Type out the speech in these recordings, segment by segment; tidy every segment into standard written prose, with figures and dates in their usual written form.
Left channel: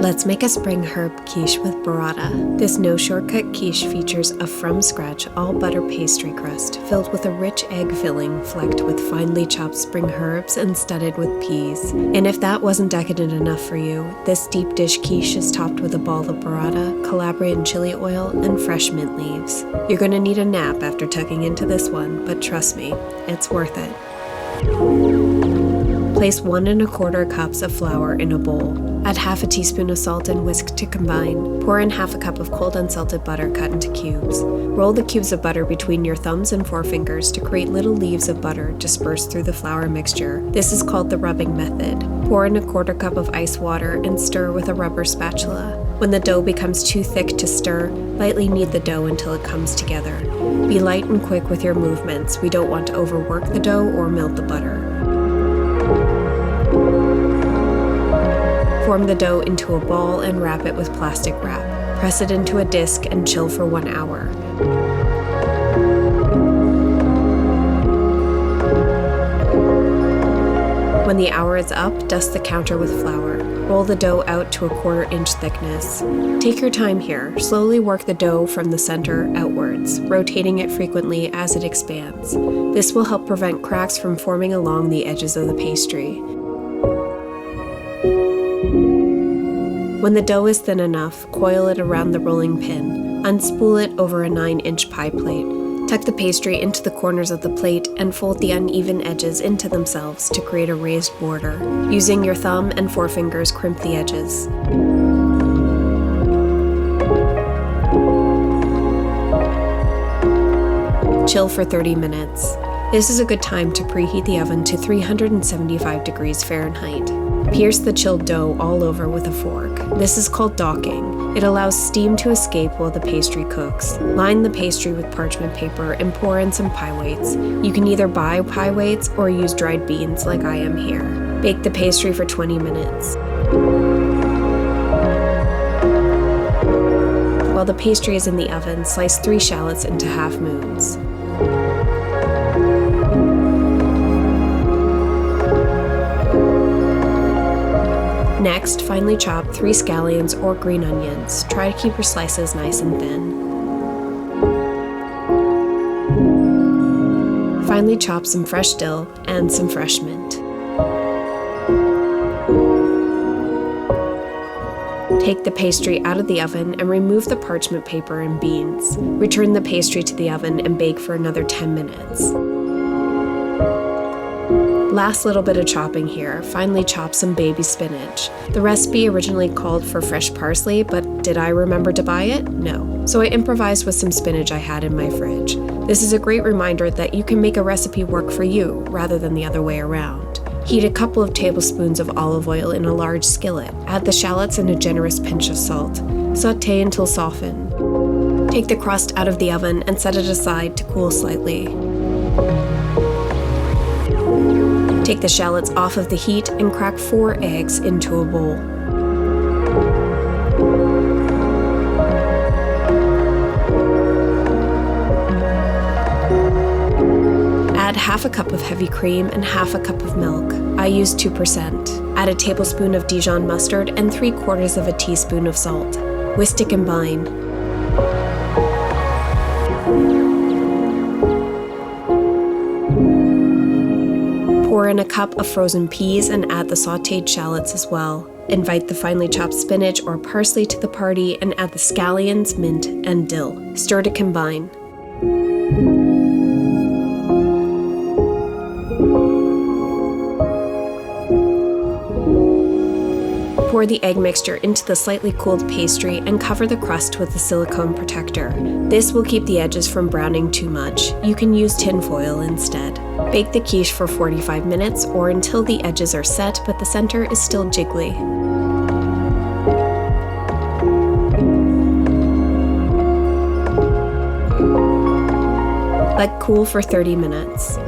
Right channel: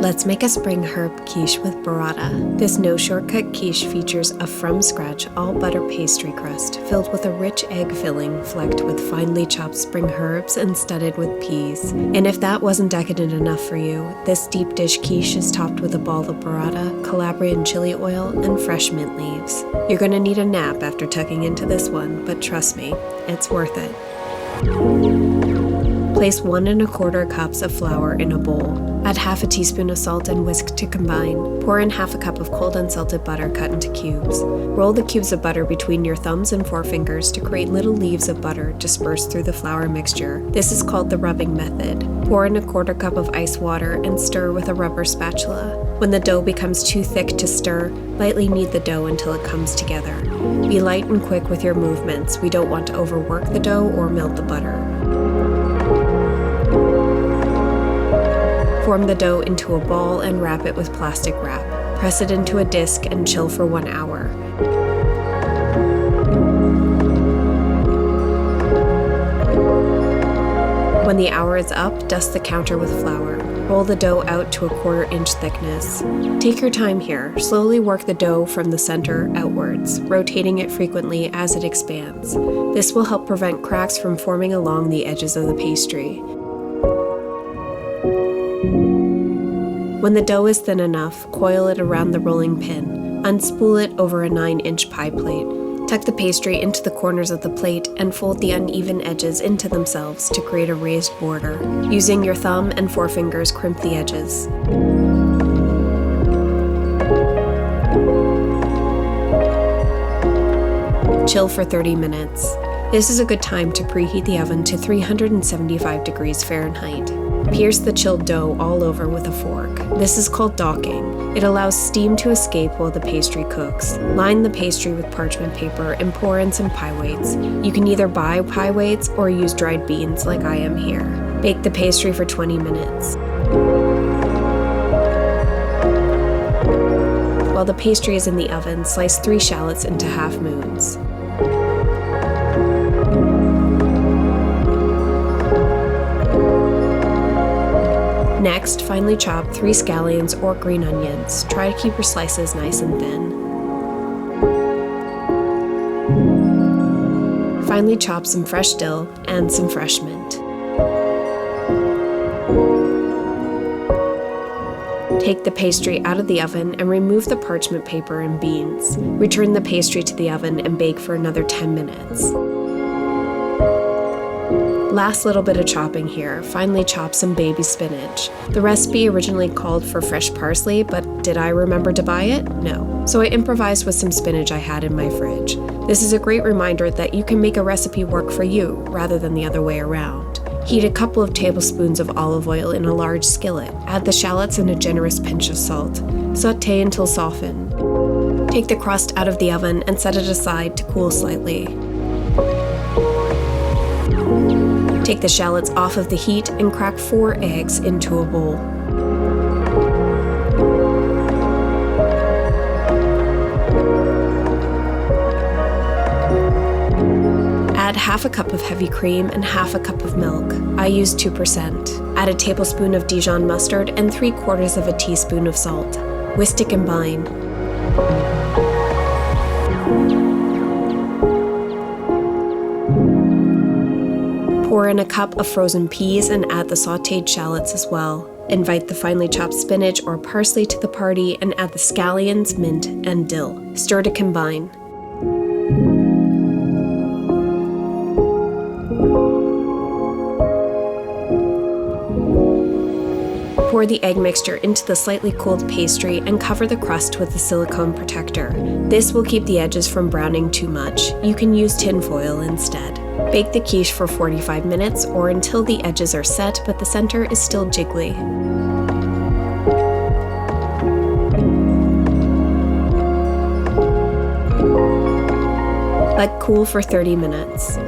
Let's make a spring herb quiche with burrata. This no-shortcut quiche features a from-scratch all-butter pastry crust filled with a rich egg filling flecked with finely chopped spring herbs and studded with peas. And if that wasn't decadent enough for you, this deep dish quiche is topped with a ball of burrata, Calabrian chili oil, and fresh mint leaves. You're gonna need a nap after tucking into this one, but trust me, it's worth it. Place 1 1/4 cups of flour in a bowl. Add half a teaspoon of salt and whisk to combine. Pour in half a cup of cold unsalted butter cut into cubes. Roll the cubes of butter between your thumbs and forefingers to create little leaves of butter dispersed through the flour mixture. This is called the rubbing method. Pour in 1/4 cup of ice water and stir with a rubber spatula. When the dough becomes too thick to stir, lightly knead the dough until it comes together. Be light and quick with your movements. We don't want to overwork the dough or melt the butter. Form the dough into a ball and wrap it with plastic wrap. Press it into a disc and chill for 1 hour. When the hour is up, dust the counter with flour. Roll the dough out to a 1/4 inch thickness. Take your time here. Slowly work the dough from the center outwards, rotating it frequently as it expands. This will help prevent cracks from forming along the edges of the pastry. When the dough is thin enough, coil it around the rolling pin. Unspool it over a 9-inch pie plate. Tuck the pastry into the corners of the plate and fold the uneven edges into themselves to create a raised border. Using your thumb and forefingers, crimp the edges. Chill for 30 minutes. This is a good time to preheat the oven to 375 degrees Fahrenheit. Pierce the chilled dough all over with a fork. This is called docking. It allows steam to escape while the pastry cooks. Line the pastry with parchment paper and pour in some pie weights. You can either buy pie weights or use dried beans like I am here. Bake the pastry for 20 minutes. While the pastry is in the oven, slice 3 shallots into half moons. Next, finely chop 3 scallions or green onions. Try to keep your slices nice and thin. Finely chop some fresh dill and some fresh mint. Take the pastry out of the oven and remove the parchment paper and beans. Return the pastry to the oven and bake for another 10 minutes. Last little bit of chopping here, finely chop some baby spinach. The recipe originally called for fresh parsley, but did I remember to buy it? No. So I improvised with some spinach I had in my fridge. This is a great reminder that you can make a recipe work for you, rather than the other way around. Heat a couple of tablespoons of olive oil in a large skillet. Add the shallots and a generous pinch of salt. Sauté until softened. Take the crust out of the oven and set it aside to cool slightly. Take the shallots off of the heat and crack 4 eggs into a bowl. Add half a cup of heavy cream and half a cup of milk. I use 2%. Add a tablespoon of Dijon mustard and 3/4 of a teaspoon of salt. Whisk to combine. Pour in a cup of frozen peas and add the sautéed shallots as well. Invite the finely chopped spinach or parsley to the party and add the scallions, mint, and dill. Stir to combine. Pour the egg mixture into the slightly cooled pastry and cover the crust with a silicone protector. This will keep the edges from browning too much. You can use tin foil instead. Bake the quiche for 45 minutes or until the edges are set but the center is still jiggly. Let cool for 30 minutes.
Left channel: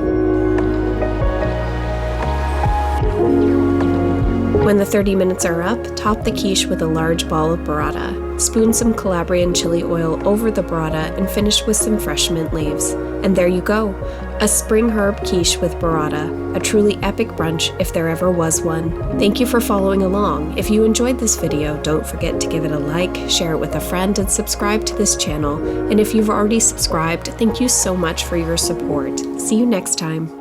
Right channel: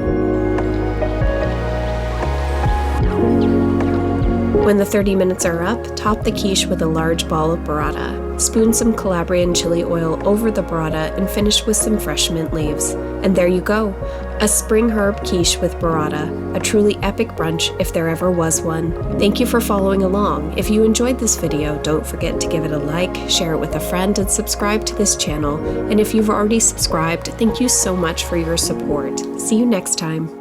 When the 30 minutes are up, top the quiche with a large ball of burrata. Spoon some Calabrian chili oil over the burrata and finish with some fresh mint leaves. And there you go, a spring herb quiche with burrata, a truly epic brunch if there ever was one. Thank you for following along. If you enjoyed this video, don't forget to give it a like, share it with a friend, and subscribe to this channel. And if you've already subscribed, thank you so much for your support. See you next time.